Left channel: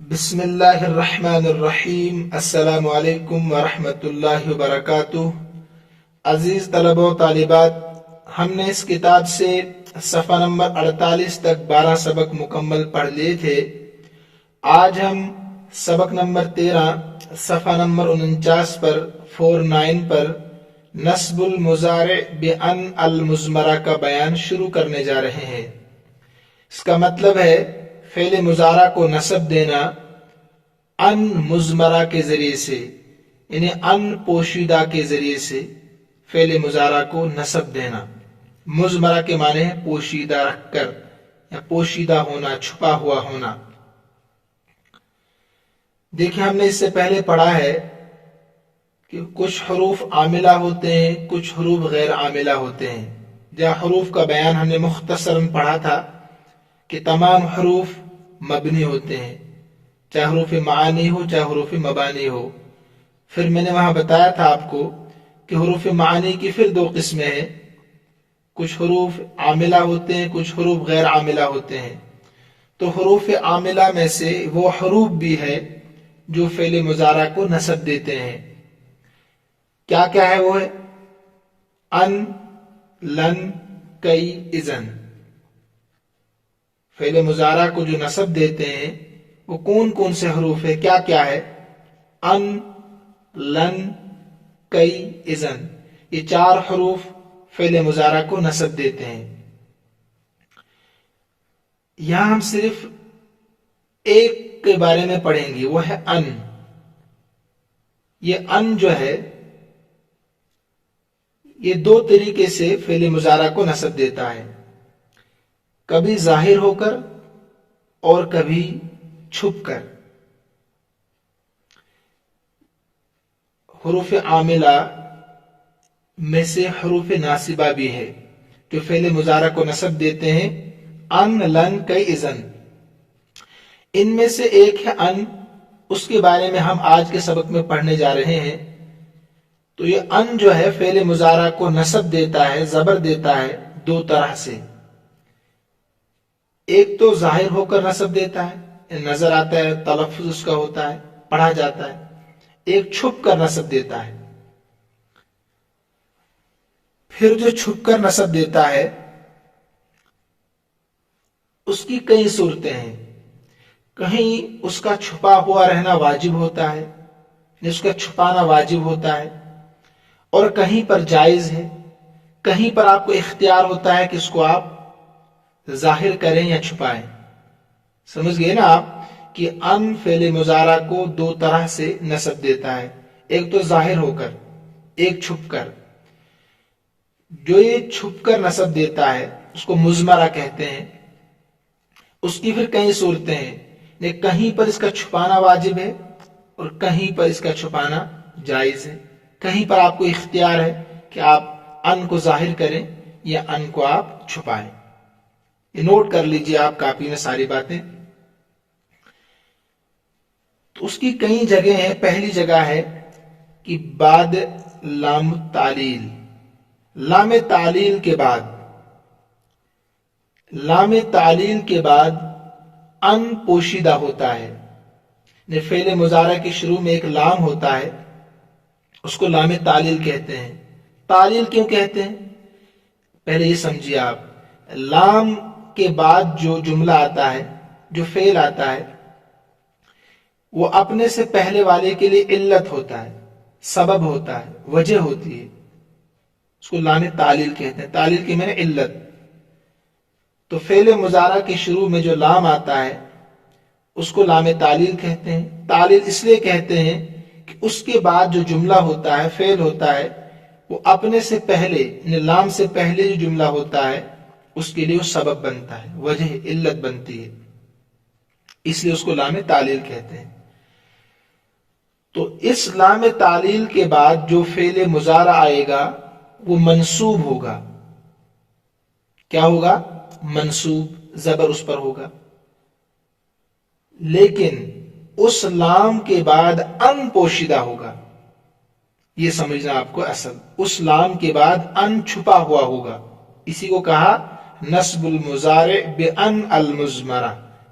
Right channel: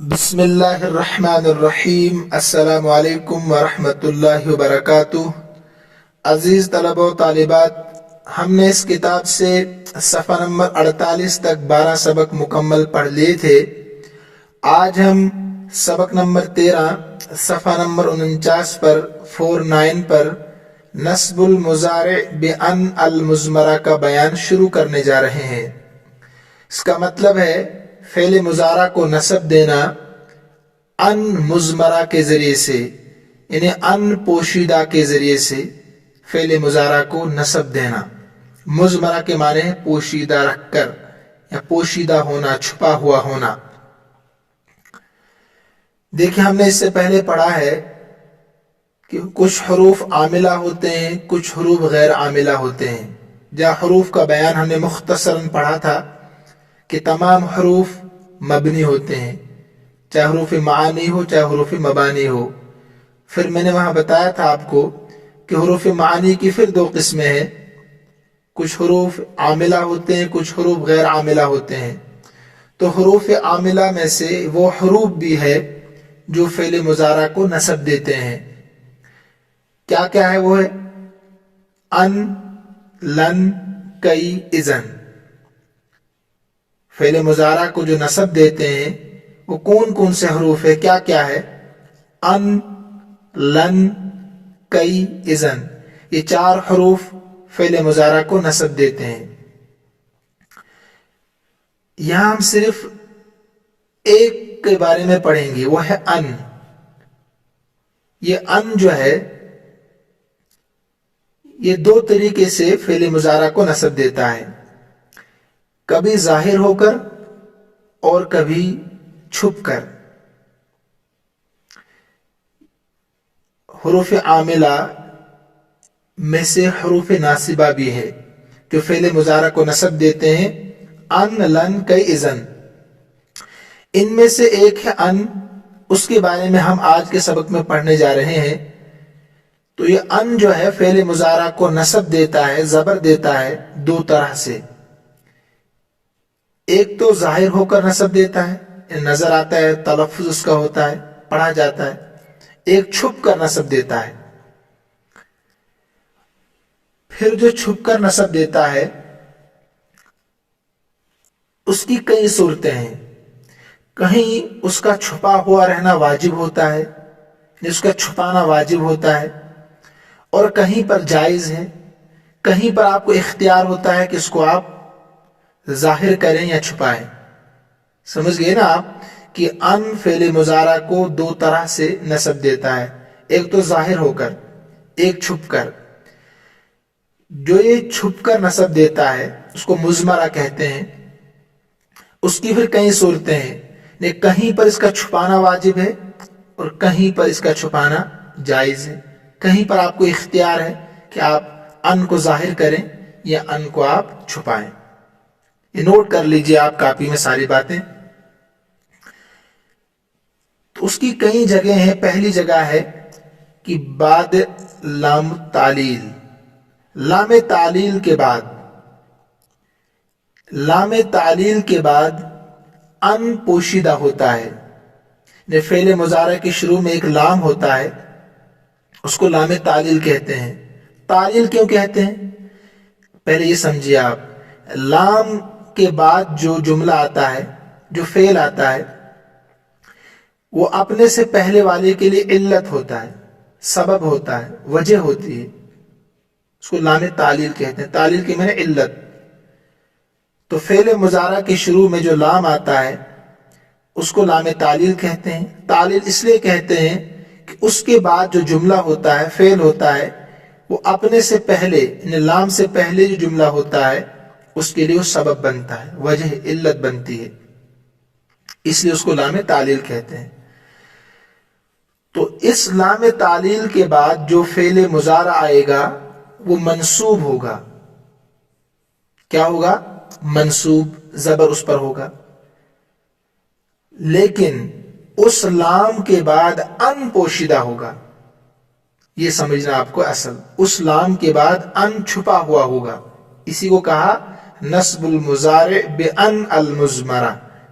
بسم اللہ الرحمن الرحیم۔ السلام علیکم ورحمۃ اللہ وبرکاتہ۔ عزیز طلبہ و طالبات، ہم نے اس کتاب سے صفحہ نمبر 48 تک 12 سبق مکمل پڑھ لیے تھے۔ آج ہم سبق نمبر 13 صفحہ نمبر 49 پر 49 پر نصب المضارع بأن المضمرہ کا بیان شروع کرنے جا رہے ہیں۔ اس کا مطلب ہے فعل مضارع کو نصب دینا ان مضمرہ کے ذریعے سے، یعنی ان پوشیدہ کے ذریعے سے فعل مضارع کو نصب دینا۔ مضمرہ کے معنی ہے پوشیدہ رکھ کر یا پوشیدہ ہونا، چھپا ہوا ہونا۔ دیکھیں، ہم نے اس سے پہلے پڑھا ہے کہ کچھ حروف عاملہ ہوتے ہیں، کچھ حروف غیر عاملہ ہوتے ہیں۔ جہاں حروف کا بیان ہم نے مختصراً پڑھا تھا کہ تمام حروف مبنی ہوتے ہیں، چاہے حروف معانی ہو چاہے حروف مبانی ہو۔ پھر میں نے وہاں بتایا تھا آپ کو کہ حروف معانی کی پھر دو قسمیں ہیں، کچھ حروف عاملہ ہوتے ہیں، کچھ حروف غیر عاملہ ہوتے ہیں۔ تو حروف عاملہ میں سے وہ حروف بھی ہے جو فعل مضارع کو نصب دیتے ہیں۔ کیا کیا ہے؟ وہ ہے ان، لن، کئی، اذن۔ فعل مضارع کو جو نصب دیتے ہیں وہ کون کون سے حروف ہے؟ کیا کیا ہے؟ ان، لن، کئی، اذن۔ یہ چار حروف فعل مضارع کو نصب دیتے ہیں۔ یہاں ہم صرف ایک کے بارے میں پڑھیں گے، وہ ہے ان۔ یہ ان جو ہے یہ دو طریقے سے فعل مضارع کو نصب دیتا ہے، کبھی ظاہر ہو کر اور کبھی چھپ کر۔ حروف عاملہ میں سے حروف ناصبہ بھی ہے جو فعل مضارع کو نصب دیتے ہیں، ان، لن، کئی، اذن۔ ان میں سے ایک ہے ان، اس کے بارے میں ہم آج کے سبق میں پڑھنے جا رہے ہیں۔ تو یہ ان جو ہے فعل مضارع کو نصب دیتا ہے، زبر دیتا ہے دو طرح سے۔ ایک تو ظاہر ہو کر نصب دیتا ہے، نظر آتا ہے، تلفظ اس کا ہوتا ہے، پڑھا جاتا ہے۔ ایک چھپ کر نصب دیتا ہے۔ پھر جو چھپ کر نصب دیتا ہے اس کی کئی صورتیں ہیں۔ کہیں اس کا چھپا ہوا رہنا واجب ہوتا ہے، اس کا چھپانا واجب ہوتا ہے، اور کہیں پر جائز ہے، کہیں پر آپ کو اختیار ہوتا ہے کہ اس کو آپ ظاہر کریں یا چھپائیں۔ سمجھ گئے نا آپ کہ ان فعل مضارع کو دو طرح سے نصب دیتا ہے، ایک تو ظاہر ہو کر، ایک چھپ کر۔ جو یہ چھپ کر نصب دیتا ہے اس کو مضمرہ کہتے ہیں۔ اس کی پھر کئی صورتیں ہیں، کہیں پر اس کا چھپانا واجب ہے اور کہیں پر اس کا چھپانا جائز ہے، کہیں پر آپ کو اختیار ہے کہ آپ ان کو ظاہر کریں یا ان کو آپ چھپائیں۔ یہ نوٹ کر لیجئے آپ کاپی میں ساری باتیں۔ تو اس کی کئی جگہ ہیں۔ پہلی جگہ ہے کہ بعد لام تعلیل، لام تعلیل کے بعد، لام تعلیل کے بعد ان پوشیدہ ہوتا ہے۔ فعل مضارع کے شروع میں ایک لام ہوتا ہے، اس کو لام تعلیل کہتے ہیں۔ تعلیل کیوں کہتے ہیں؟ پہلے یہ سمجھیے آپ، لام کے بعد جو جملہ آتا ہے، جو فعل آتا ہے، وہ اپنے سے پہلے والے کے لیے علت ہوتا ہے، سبب ہوتا ہے، وجہ ہوتی ہے، اس کو لام تعلیل کہتے ہیں۔ تعلیل کے معنی علت۔ تو فعل مضارع کے شروع میں جو لام آتا ہے اس کو لام تعلیل کہتے ہیں۔ تعلیل اس لیے کہتے ہیں کہ اس کے بعد جو جملہ ہوتا ہے، فعل ہوتا ہے، وہ اپنے سے پہلے، یعنی لام سے پہلے جو جملہ ہوتا ہے اس کے لیے وہ سبب بنتا ہے، وجہ، علت بنتی ہے، اس لیے اس کو لام تعلیل کہتے ہیں۔ تو اس لام تعلیل کے بعد جو فعل مضارع آئے گا وہ منصوب ہوگا۔ کیا ہوگا؟ منصوب، زبر اس پر ہوگا۔ لیکن اس لام کے بعد ان پوشیدہ ہوگا، یہ سمجھنا آپ کو اصل۔ اس لام کے بعد ان چھپا ہوا ہوگا، اسی کو کہا نصب المضارع بان المضمرہ،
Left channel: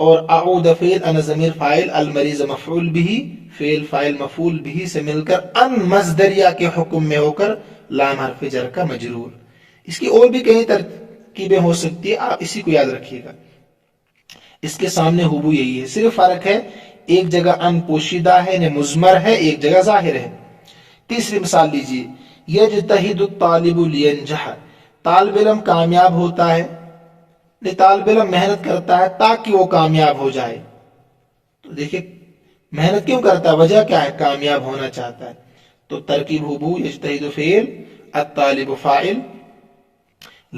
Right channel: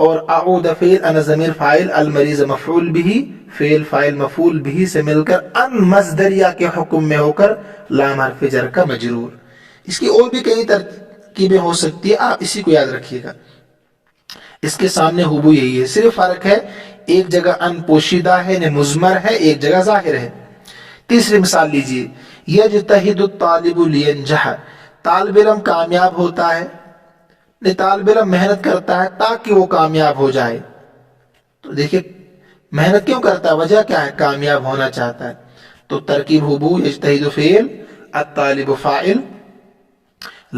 اور اعود فعل انا ضمیر فاعل المریض مفعول بھی فعل فاعل مفعول بھی سے مل کر ان مصدریہ کے حکم میں ہو کر لام حرف جر کا مجرور. اس کی اور بھی کئی ترکیبیں ہو سکتی ہے، آپ اسی کو یاد رکھیے گا. اس کے سامنے ہوبو یہی ہے، صرف فرق ہے ایک جگہ ان پوشیدہ ہے یعنی مضمر ہے، ایک جگہ ظاہر ہے. تیسری مثال لیجیے، یجتہد الطالب لینجح، طالب علم کامیاب ہوتا ہے، طالب علم محنت کرتا ہے تاکہ وہ کامیاب ہو جائے. تو دیکھیے محنت کیوں کرتا ہے، وجہ کیا ہے، کامیاب ہونا چاہتا ہے. تو ترکیب ہوبو یجتہد فعل الطالب فاعل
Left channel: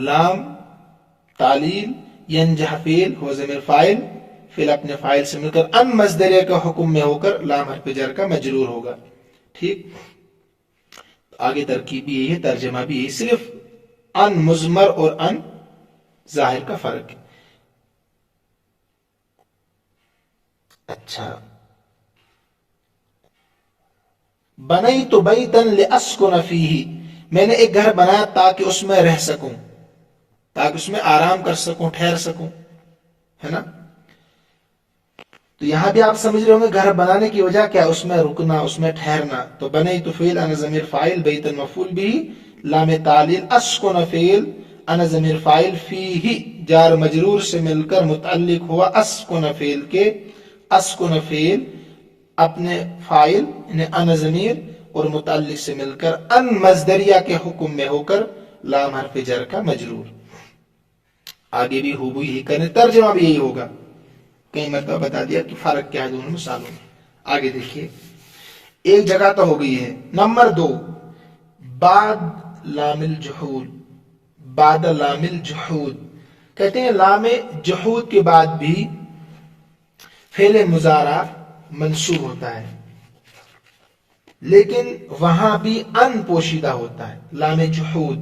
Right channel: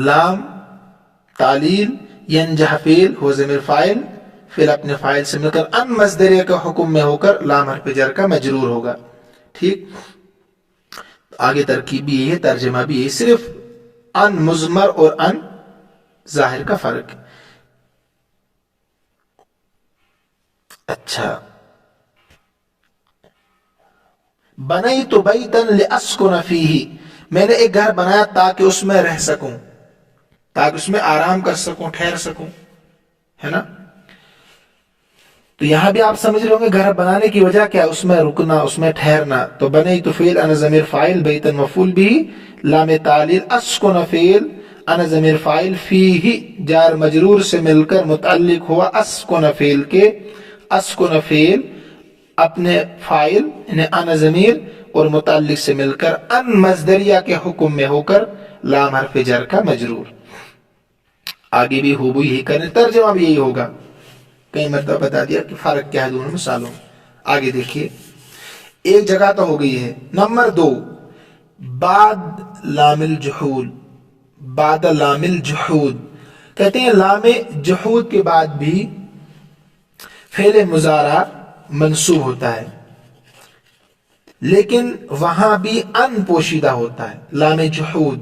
لام تعلیل ینجح فعل ہو ضمیر فاعل فعل اپنے فاعل سے مل کر ان مصدریہ کا حکم میں ہو کر لام حرف جر کا مجرور ہوگا. ٹھیک، آگے ترکیب بھی یہی ہے، ترجمہ بھی یہی، صرف ان مضمر اور ان ظاہر کا فرق. اچھا، بنیت بیتا لاسکن فیہ، میں نے ایک گھر بنایا تاکہ اس میں رہ سکوں، تاکہ اس میں آرام کر سکوں، ٹھہر سکوں، ہے نا. تو یہاں بھی آپ سمجھ رہے ہوں گے گھر بنانے کی وجہ کیا، اس میں رکنا، اس میں ٹھہرنا. تو بنیت فعل انا ضمیر فاعل بیتا مفعول بھی لام تعلیل اسکن فعل انا ضمیر فاعل فیہ جار مجرور سے مل کر متعلق ہوا اسکن فعل کے. اسکن فعل اپنے فاعل یعنی انا ضمیر اور متعلق سے مل کر ان مصدریہ کے حکم میں ہو کر لام حرف جر کا مجرور. آگے بھی ہوبو یہی کرنے، ترجمہ بھی یہی ہوگا. کئی مرتبہ بتا دیا کہ فرق کیا ہے دونوں مثالوں. آگے دیکھیے، ایک جگہ تو ہو گئی ہے. نمبر 2، بعد لام الجحود، بعد لام الجحود کہتے ہیں لام جحود کے بعد بھی فعل مضارع منصوب ہوتا ہے، لیکن وہاں بھی ان پوشیدہ ہوتا ہے. لام جحود،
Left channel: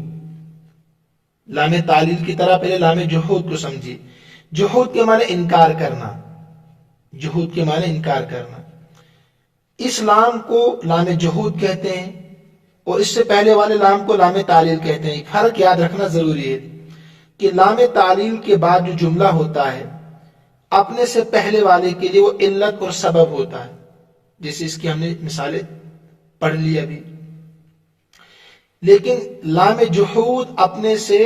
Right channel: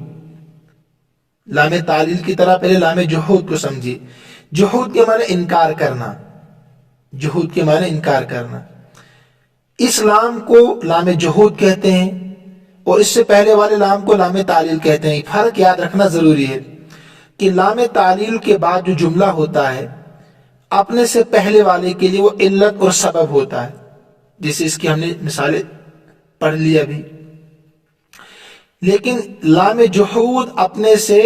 لام تعلیل کی طرح پہلے لام جحود کو سمجھیے. جحود کے معنی انکار کرنا، جحود کے معنی انکار کرنا. اس لام کو لام جحود کہتے ہیں اور اس سے پہلے والے لام کو لام تعلیل کہتے ہیں. فرق یاد رکھنا ضروری ہے کہ لام تعلیل کے بعد جو جملہ ہوتا ہے اپنے سے پہلے والے کے لیے وہ علت اور سبب ہوتا ہے، جیسے اس کی ہم نے مثالیں پڑھ لی ابھی. لیکن لام جحود اپنے سے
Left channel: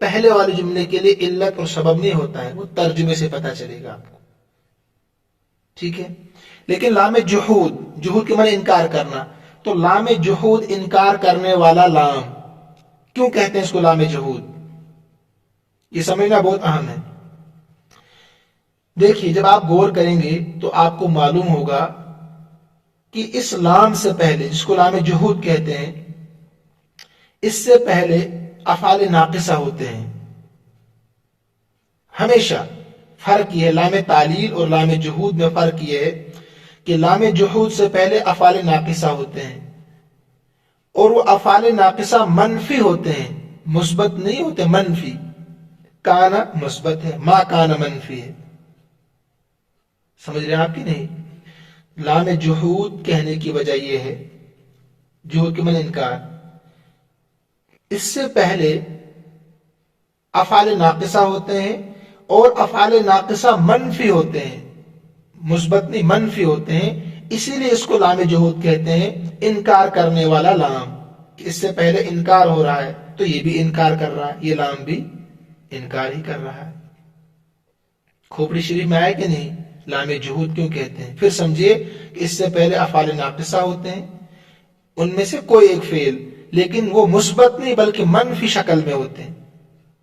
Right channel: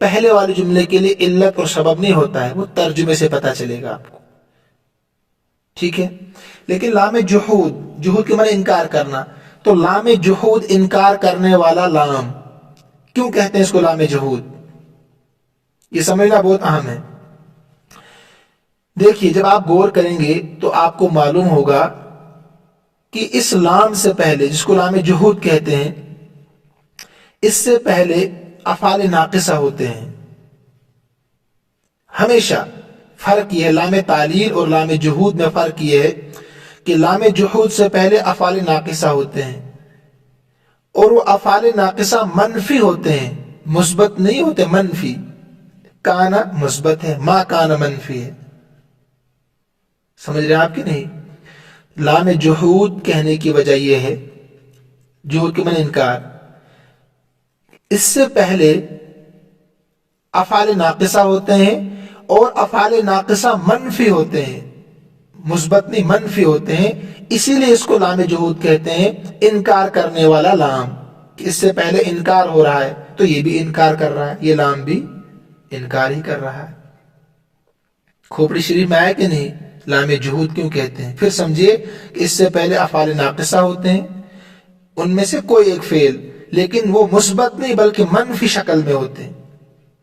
پہلے والے جملے کے لیے علت اور سبب نہیں ہوتا ہے، وہ ترجمے سے پتہ چلے گا آپ کو. ٹھیک ہے، لیکن لام جحود، جحود کے معنی انکار کرنا، تو لام جحود انکار کرنے والا لام، کیوں کہتے ہیں اس کو لام جحود، یہ سمجھنا بہت اہم ہے. دیکھیے جب آپ غور کریں گے تو آپ کو معلوم ہوگا کہ اس لام سے پہلے، جس کو لام جحود کہتے ہیں، اس سے پہلے افعال ناقصہ ہوتے ہیں. ہمیشہ فرق یہ ہے، لام تعلیل اور لام جحود میں فرق یہ ہے کہ لام جحود سے پہلے افعال ناقصہ ہوتے ہیں اور وہ افعال ناقصہ منفی ہوتے ہیں، مثبت نہیں ہوتے، منفی. کانا مثبت ہے، ما کانا منفی ہے. سمجھ رہے ہیں آپ کی نہیں؟ لام جحود کہنے کی وجہ یہ ہے، جحود کے معنی انکار، اس سے پہلے افعال ناقصہ ہوتے ہیں اور افعال ناقصہ منفی ہوتے ہیں، مثبت نہیں منفی ہوتے ہیں. اسی لیے اس کو لام جحود کہتے ہیں، انکار کرنے والا لام. کہ اس سے پہلے انکار ہو رہا ہے تو یہ بھی انکار کر رہا ہے، یہ لام بھی انکار ہی کر رہا ہے. کھوپڑی شریف میں آیا کہ نہیں لام جحود کیوں کہتے ہیں؟ پھر سمجھیے کہ اس سے پہلے افعال ناقصہ ہوتے ہیں، ان میں سے کوئی ایک فعل، لیکن وہ مثبت نہیں بلکہ منفی شکل میں ہوتے ہیں.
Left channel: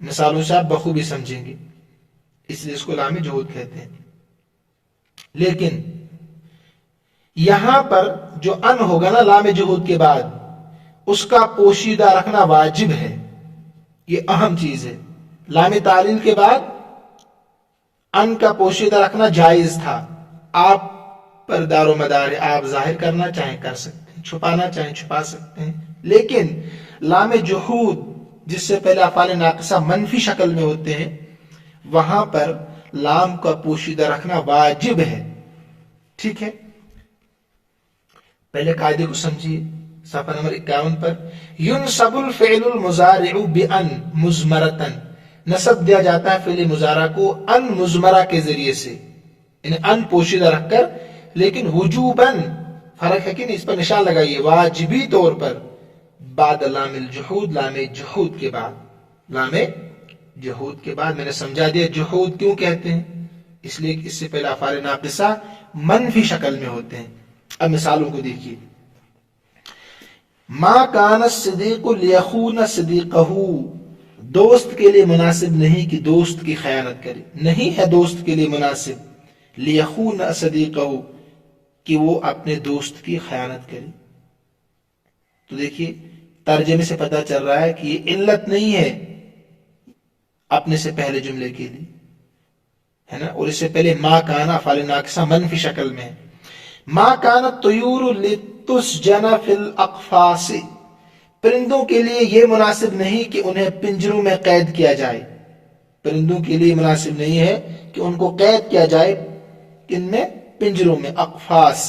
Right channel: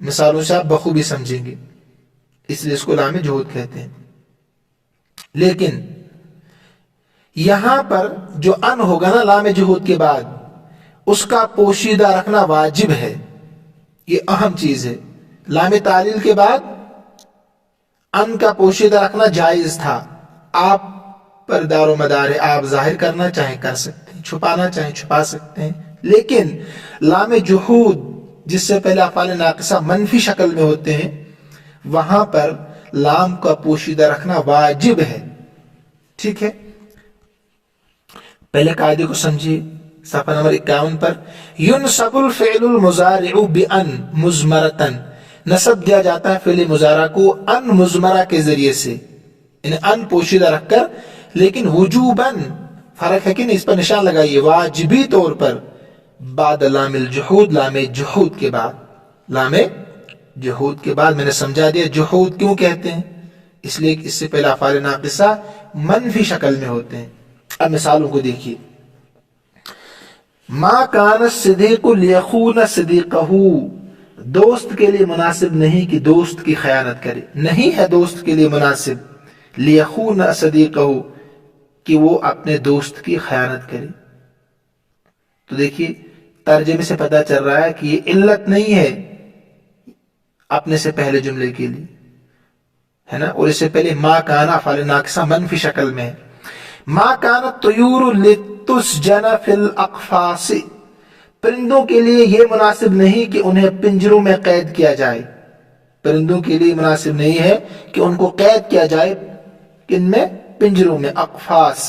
مثالوں سے آپ بخوبی سمجھیں گے، اس لیے اس کو لام جحود کہتے ہیں. لیکن یہاں پر جو ان ہوگا نا لام جحود کے بعد، اس کا پوشیدہ رکھنا واجب ہے، یہ اہم چیز ہے. لام تعلیل کے بعد ان کا پوشیدہ رکھنا جائز تھا، آپ پر دار و مدار ہے، آپ ظاہر کرنا چاہیں کر سکتے ہیں، چھپانا چاہیں چھپا سکتے ہیں. لیکن لام جحود جس سے پہلے افعال ناقصہ منفی شکل میں ہوتے ہیں، وہاں پر لام کا پوشیدہ رکھنا واجب ہے. ٹھیک ہے، پہلے قاعدے کو سمجھیے. صفحہ نمبر 51 پر، ينصب الفعل المضارع بأن مضمرة، نصب دیا جاتا ہے فعل مضارع کو ان مضمرہ کے ذریعے سے. یعنی ان پوشیدہ رکھ کر، لیکن وجوباً فرق ہے کہ نہیں، اس پر نشان لگائیے، واجبی طور پر بعد لام الجحود، لام جحود کے بعد، لام جحود کے بعد. میں نے سمجھا دیا جحود کیوں کہتے ہیں، اس لیے کہ اس سے پہلے افعال ناقصہ منفی شکل میں ہوتے ہیں. اب مثالوں کو دیکھیے. ما کان الصدیق لیخون صدیقہ، دوست کے لیے مناسب نہیں کہ دوست کی خیانت کرے، نہیں ہے دوست کے لیے مناسب لیخون صدیقہ کہ وہ اپنے دوست کی خیانت کرے. تو دیکھیے ترجمے سے پتہ چل رہا ہے کہ یہ علت نہیں ہے اپنے سے پہلے جملے کے لیے، ہے نا. اور اس سے پہلے ما کانا افعال ناقصہ منفی شکل میں ہے. ما کانت الطیور لتسجن فی الاقفاص، پرندوں کے لیے یہ مناسب نہیں کہ انہیں پنجروں میں قید کیا جائے. پرندوں کے لیے مناسب نہیں ہے کہ ان کو قید کیا جائے، کن میں؟ پنجروں میں، اقفاص.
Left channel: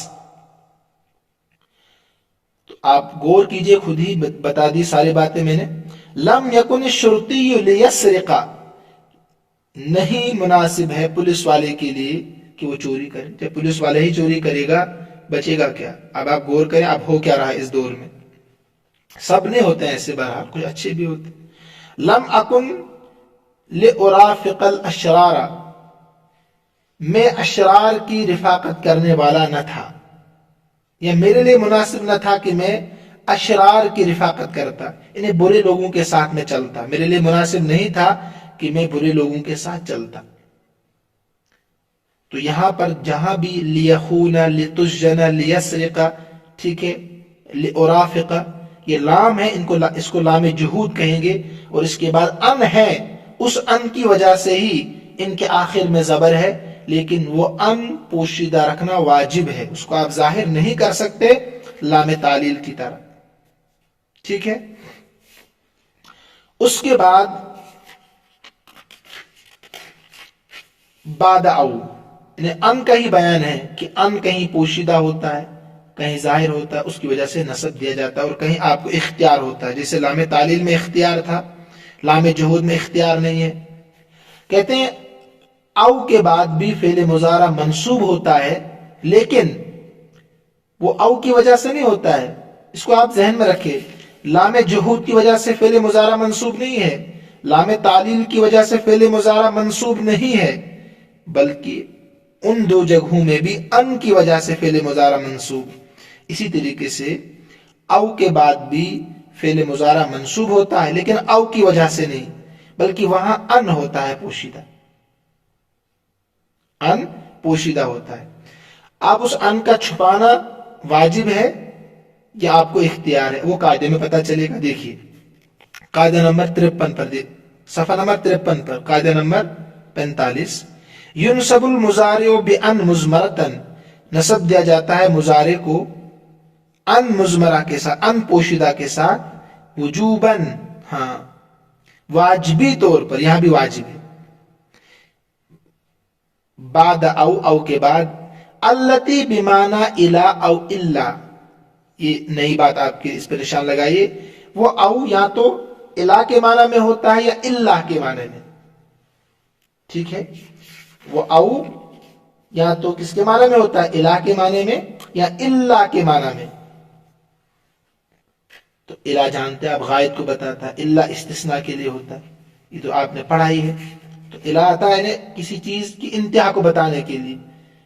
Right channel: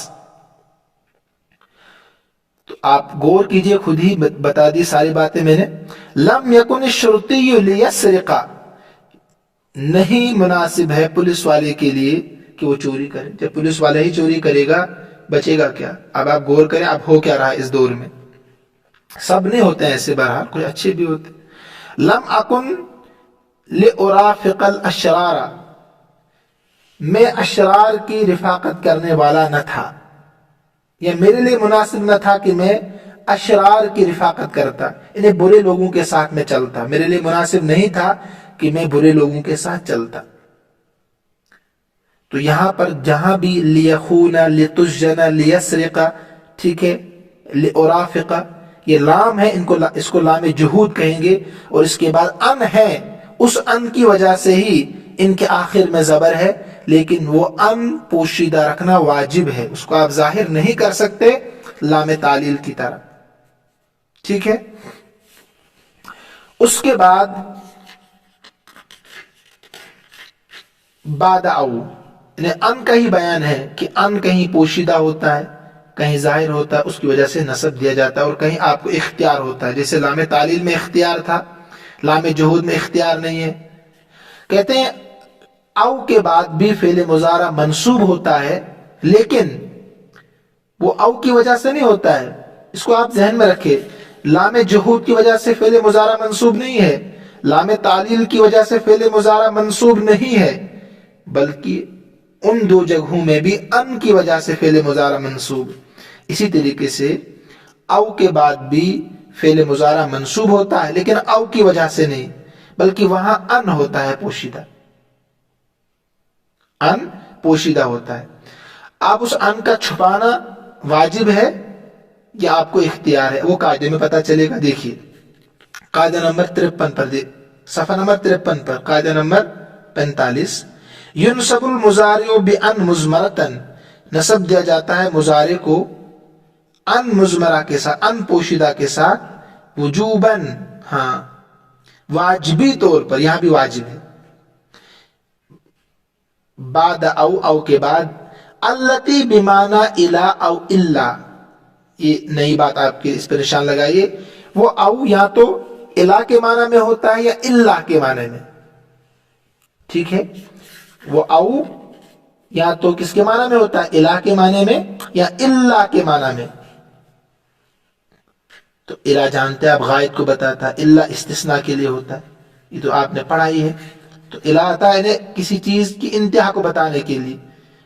تو آپ غور کیجئے، خود ہی بتا دی ساری باتیں میں نے. لم یکن الشرطی لیسرق، نہیں مناسب ہے پولیس والے کے لیے کہ وہ چوری کرے. جب پولیس والا ہی چوری کرے گا بچے گا کیا؟ اب آپ غور کریں اب ہو کیا رہا ہے اس دور میں. سب نہیں ہوتے ہیں ایسے، بہرحال کچھ اچھے بھی ہوتے. لم اکن لارافق الاشرار، میں اشرار کی رفاقت کرنے والا نہ تھا، یا میرے لیے مناسب نہ تھا کہ میں اشرار کی رفاقت کرتا، انہیں برے لوگوں کے ساتھ میں چلتا. میرے لیے مناسب نہیں تھا کہ میں برے لوگوں کے ساتھ چلتا. تو یہاں پر جہاں بھی لیخون، لتسجن، لیسرق، ٹھیک ہے، لارافق، یہ لام ہے، اس کو لام جہود کہیں گے. اور اس کے بعد ان ہے، اس ان کی وجہ سے ہی ان کے آخر میں زبر ہے، لیکن وہ ان پوشیدہ رکھنا واجب ہے، اس کو آپ ظاہر نہیں کر سکتے لام تعلیل کی طرح. ٹھیک ہے. اس کے بعد بعد او، یعنی ان کا ہی بیان ہے کہ ان کہیں پوشیدہ ہوتا ہے، کہیں ظاہر ہوتا ہے، اس کی وجہ سے نصب دیا جاتا ہے، اور کہیں آپ کو اختیار ہوتا ہے. جیسے لام تعلیل میں اختیار تھا، لام جہود میں اختیار نہیں ہے. کہتے ہیں او کے بعد بھی فعل مضارع منصوب ہوتا ہے، لیکن وہ او کی وجہ سے نہیں ہوتا ہے. اس کو آپ ذہن میں رکھیں، لام جہود کی وجہ سے فعل مضارع منصوب نہیں ہے، لام تعلیل کی وجہ سے فعل مضارع منصوب نہیں ہے، بلکہ ان دو جگہوں میں بھی ان کی وجہ سے فعل مضارع منصوب. اسی طریقے سے او کے بعد بھی فعل مضارع منصوب ہوتا ہے، لیکن او کی وجہ سے نہیں، بلکہ وہاں ان ہوتا ہے پوشیدہ، ان پوشیدہ ہوتا ہے. اب اس ان کا چھپانا واجب ہے یا آپ کو اختیار ہے، وہ قاعدے میں پتہ چلے گا. دیکھیے قاعدہ نمبر 53 پر، صفحہ نمبر 53 پر قاعدہ نمبر 45. ينصب المضارع بان مضمرۃ، نصب دیا جاتا ہے مضارع کو ان مضمرہ کے ساتھ، ان پوشیدہ کے ساتھ، وجوباً، ہاں واجبی طور پر، یہاں بھی واجب ہے. بعد او، او کے بعد، التی بمعنی الا او الا، یہ نئی بات آپ کے اس پہ نشان لگائیے. وہ او یا تو الا کے معنی میں ہوتا ہے یا الا کے معنی میں. ٹھیک ہے، وہ او یا تو کس کے معنی میں ہوتا ہے؟ الا کے معنی میں یا الا کے معنی میں. تو الا جانتے ہیں آپ غائب کو بتاتا ہے، الا استثناء کے لیے ہوتا ہے، یہ تو آپ نے پڑھا ہی ہے. تو الا آتا ہے کسی چیز کی انتہا کو بتانے کے لیے.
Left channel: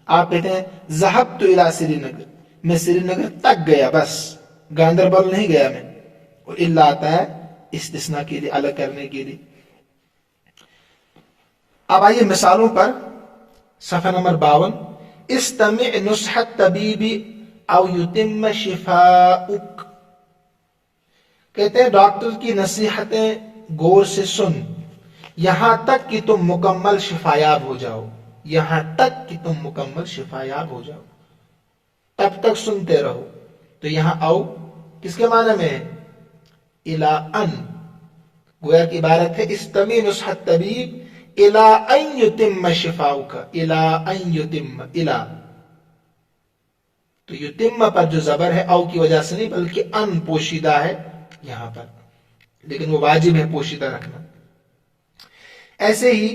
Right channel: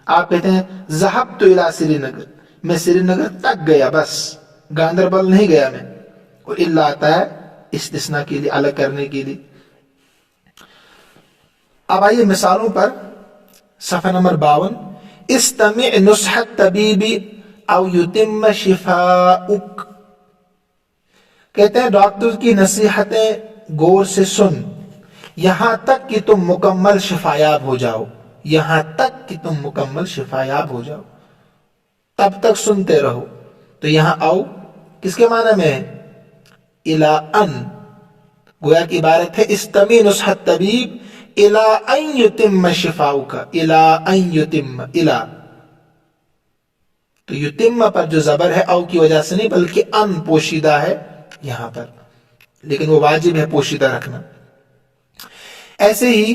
آپ کہتے ہیں ذهبت الى سری نگر، میں سری نگر تک گیا، بس گاندربل نہیں گیا میں. اور الا آتا ہے استثناء کے لیے، الگ کرنے کے لیے. اب آئیے مثالوں پر. صفحہ نمبر 52. استمع نصح الطبیب او یتم شفاؤک، کہتے ہیں ڈاکٹر کی نصیحتیں غور سے سن، یہاں تک کہ تم مکمل شفایاب ہو جاؤ. یہاں تک کہ تم مکمل شفایاب ہو جاؤ، تب تک سنتے رہو. تو یہاں او کس کے معنی میں ہے؟ الا ان. گویا کی عبارت ہے استمع نصح الطبیب الا ان یتم شفاؤک، الا ان یتم، الا. تو یتم پر جو زبر ہے او کی وجہ سے نہیں، بلکہ ان پوشیدہ ہے یہاں پر، لیکن وہ واجب ہے پوشیدہ رکھنا. ایسے ہی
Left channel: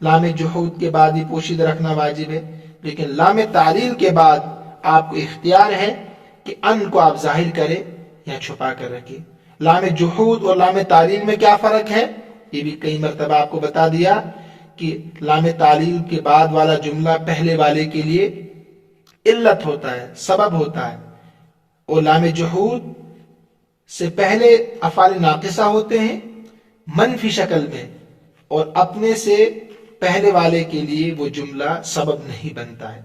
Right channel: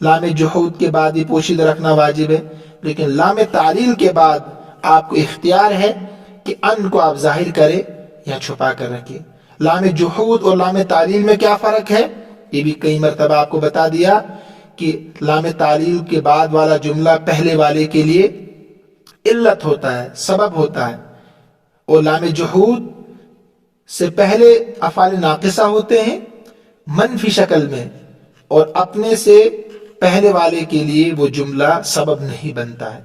لام جحود کے بعد ہی پوشیدہ رکھنا واجب ہے، لیکن لام تعلیل کے بعد آپ کو اختیار ہے کہ ان کو آپ ظاہر کریں یا چھپا کر رکھیں۔ لام جحود اور لام تعلیل میں کیا فرق ہے، یہ بھی کئی مرتبہ آپ کو بتا دیا کہ لام تعلیل کے بعد والا جملہ پہلے والے کے لیے علت ہوتا ہے، سبب ہوتا ہے، اور لام جحود سے پہلے افعال ناقصہ ہوتے ہیں منفی شکل میں، اور اپنے سے پہلے والے کے لیے وہ جملہ سبب نہیں بنتا ہے۔